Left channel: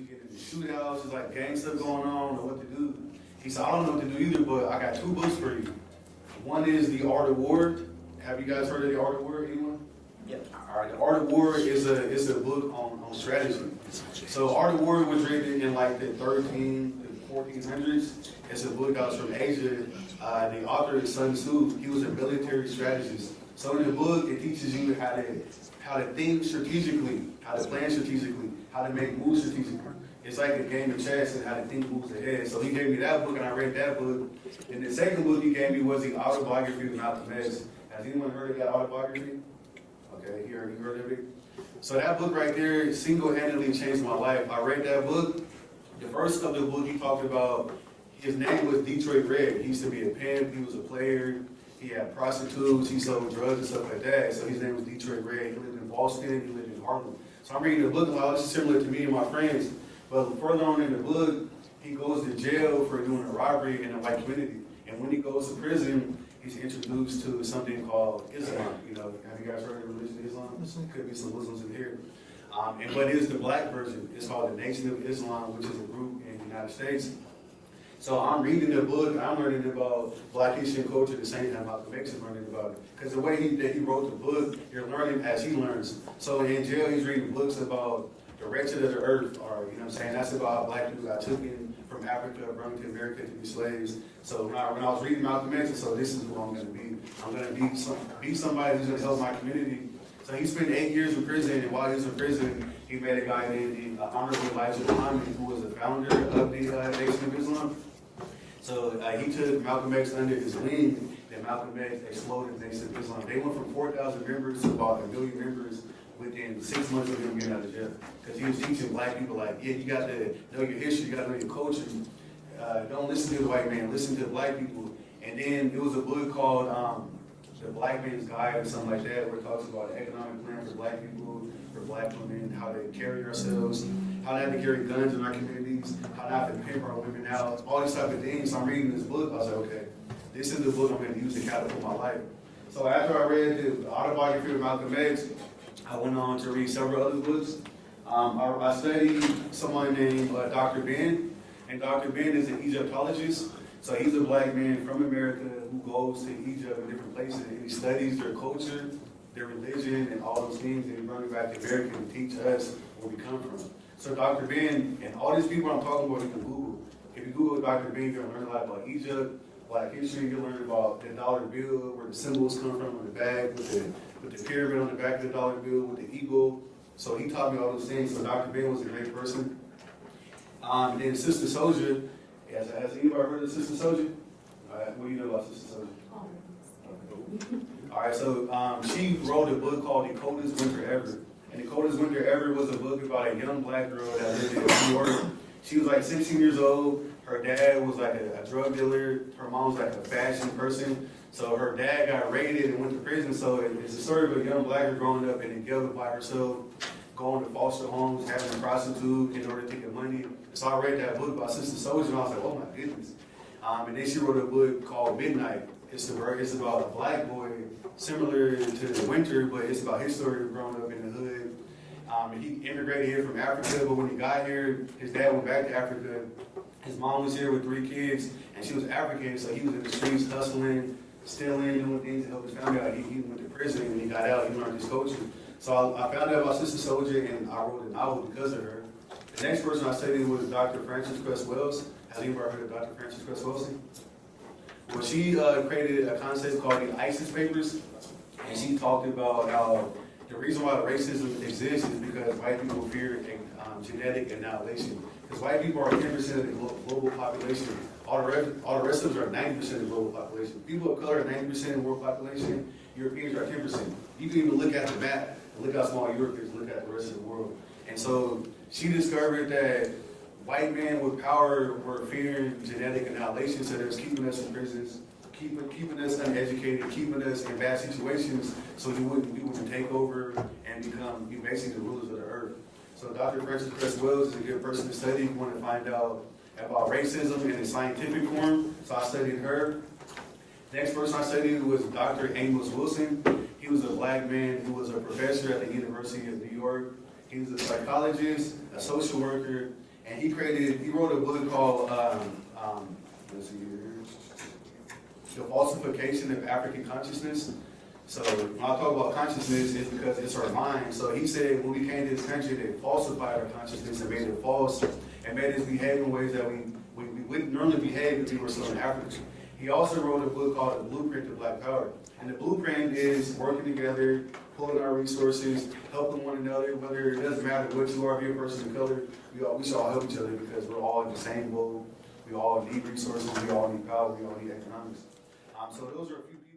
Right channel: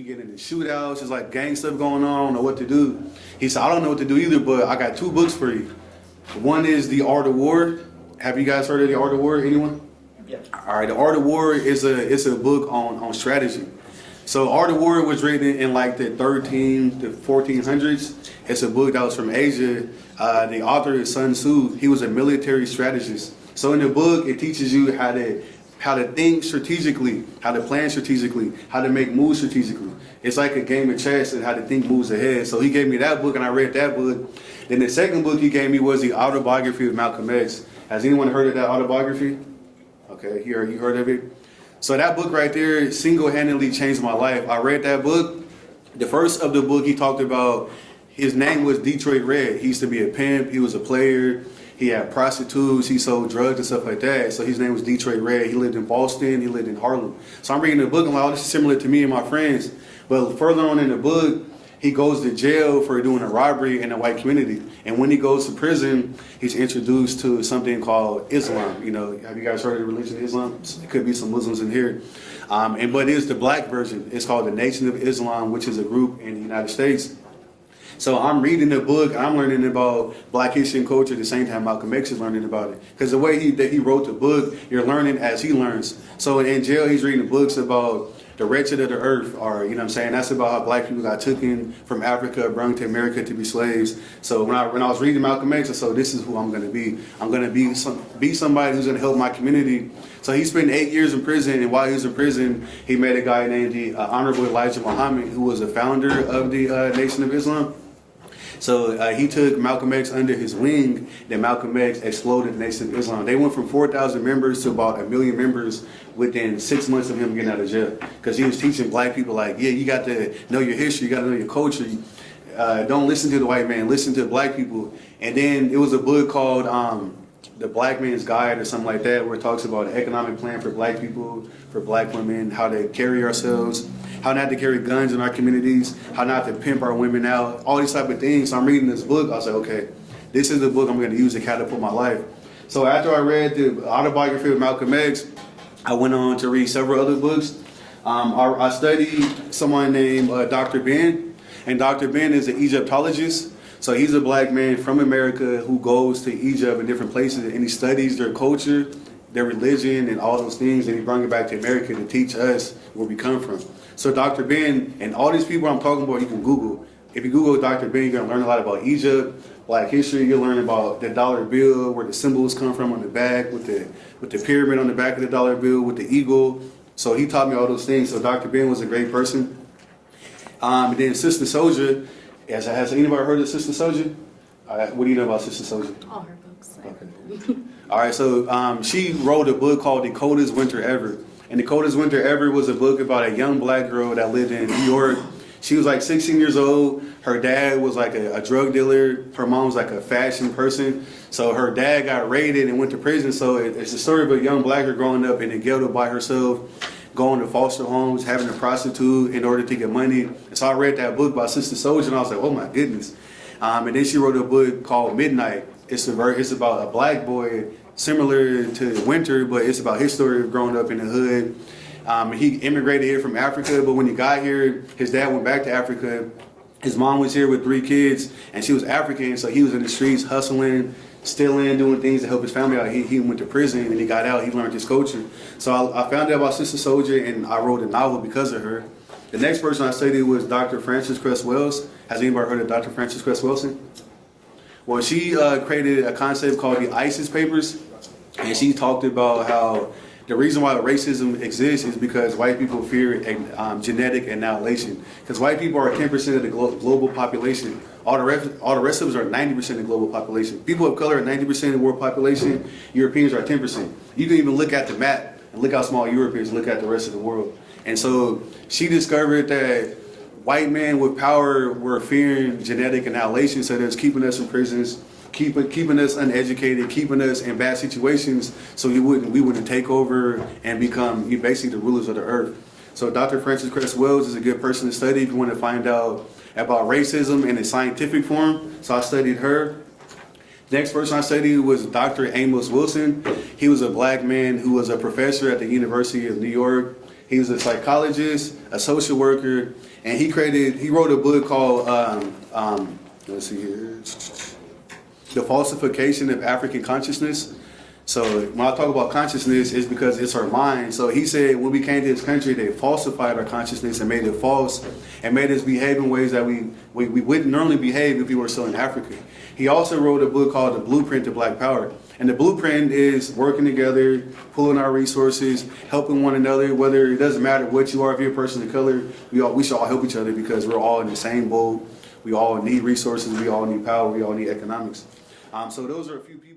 we get into shootouts, it's like gang stuff going on, I don't know what to do. He said, I don't know what to do either, but I got 2 books for you. One is The Art of War. Have you guys heard of The Art of War, anyone? Yeah. All right, The Art of War is a book on strategy. So Art of War was written in like the 13 to 1400s. It's a book that was from Asia. The author is Sun Tzu. He was a military strategist. So in the book, it teaches you how to think strategically, how to plan strategically, how to make moves strategically. It's like a game of chess and how to think moves ahead. So he gave me that book and I read that book. Then the second book he gave me was the autobiography of Malcolm X. Has anyone heard of that autobiography? Okay, you heard of it? So that book right there single-handedly changed my life. I read that book. The first of the book he talked about, his name was Detroit Red. He used to be a pimp, he was a player, he had prostitutes, he sold drugs and stuff like that. So his name was Detroit Red. He lived in Boston, he lived in Harlem. So I'm reading the book and I'm like, oh, this is similar to me and my friends. But further on in the book, he goes to jail for doing a robbery in the white community. And when he goes to prison, he's introduced to something called Islam. You know, have you guys heard of the religion of Islam? There could be some Muslims in here. But it's the black version. It's called the Nation of Islam, which is a group in the United States. So I'm reading the book, I'm learning about black history and culture at the same time Malcolm X is learning about it. Because the way that he wrote the book, you're learning as he learns. So in jail, he's reading books about the wretched of the earth, or, you know what I'm saying, that's about how black people got taken from Africa, brought to America to be slaves. So when I was reading Malcolm X, I said, this is who I'm going to be. I'm going to be somebody who's going to help my community. So he spent 8 years in prison, and while he was in prison, he met a guy named the Honorable Elijah Muhammad, who was a founder of the Nation of Islam. So he took Malcolm X under his wing, then Malcolm X exploded the Nation of Islam. They went from 4,000 members to about 1 million members within 6 months of him getting out of jail. Because he was teaching black people like, yeah, you got to know your history, you got to know your culture. Don't listen to the white man, listen to black people. And then it was a book called The Black Man's Guide or something like that, where it talks about an economic plan for black people, for black women, how to carry ourselves, how not to carry guns in our communities, how not to pimp our women out, all these type of things. So I'm reading this book, I was like, okay, this is the book I'm going to use to catapult my life. So after I read the autobiography of Malcolm X, I went on to read several other books. I studied someone named Dr. Ben, and Dr. Ben is an Egyptologist. So he's a black man from America who goes to Egypt and different places, and he studies their culture, their religion, and all those things, and he brings it back to America to teach us where we come from. So Dr. Ben, and all these people I'm talking about, you can Google. If you Google Dr. Ben, you're gonna learn a lot about Egypt, black history. You'll learn about the dollar bill, where the symbols come from on the back, with the pyramid on the back of the dollar bill, with the eagle. So he taught me all those things. So Dr. Ben was a great person. And then Sister Soldier, has anybody heard of Sister Soldier? What do you know about Sister Soldier? All her books. Okay. All right, so she wrote a book called The Coldest Winter Ever. And The Coldest Winter Ever was a book about a young black girl that lived in New York. She was like 16 years old. Her dad was like a drug dealer. Her mom was like a fashion person. So her dad got raided and went to prison. So it's the story of a young black girl growing up in the ghetto by herself, going to foster homes, having a prostitute in order to get money. And so I read that book by Sister Soldier and I was like, oh my goodness. And then she wrote a book called Midnight. It's about a black boy similar to Winter, but it's about his story of growing up in the hood. He immigrated here from Africa, but when he got here, his dad went back to Africa. His mom was here with 3 kids, and she was African, so he was in the streets hustling, stealing, doing things to help his family out. He went to prison, and he got out. He learned his culture. So I found out about Sister Soldier, and I wrote a novel because of her. The next person I studied was Dr. Frances Cresswell. Has anybody heard of Dr. Frances Cresswell? Well, she created a concept called the ISIS Papers, and she talked about how the reason why racism exists is because white people fear genetic annihilation. Because white people are 10% of the global population. All the rest of us are 90% of the global population. People of color are 90% of the world population. Europeans are 10%. You can even look at the map and look how small Europe is, look at the rest of the world. And so she discovered that white men with power were fearing genetic annihilation, so that's keeping us in prisons, keeping us uneducated, keeping us in bad situations, so we wouldn't take over and become basically the rulers of the earth. So Dr. Frances Cresswell is a good person to study if you want to find out about racism in a scientific form. So I studied her. Next person I studied was Dr. Amos Wilson. He was a black man who was a professor at the University of New York. He was a psychologist, a social worker, and he wrote a book called, let's see here, The Falsification of African Consciousness. So when I talk about consciousness, it's because it's our mind. So he said when we came to this country, they falsified our consciousness and made it false and made us behave in ways that we wouldn't normally behave if we were still in Africa. He also wrote a book called The Blueprint to Black Power. And the blueprint is working together, pulling our resources, helping one another, whether it doesn't matter what you are, if you're a person of color, we should all help each other because we're all in the same boat. We all need resources, we all need power, we all need economics. So those are a few people.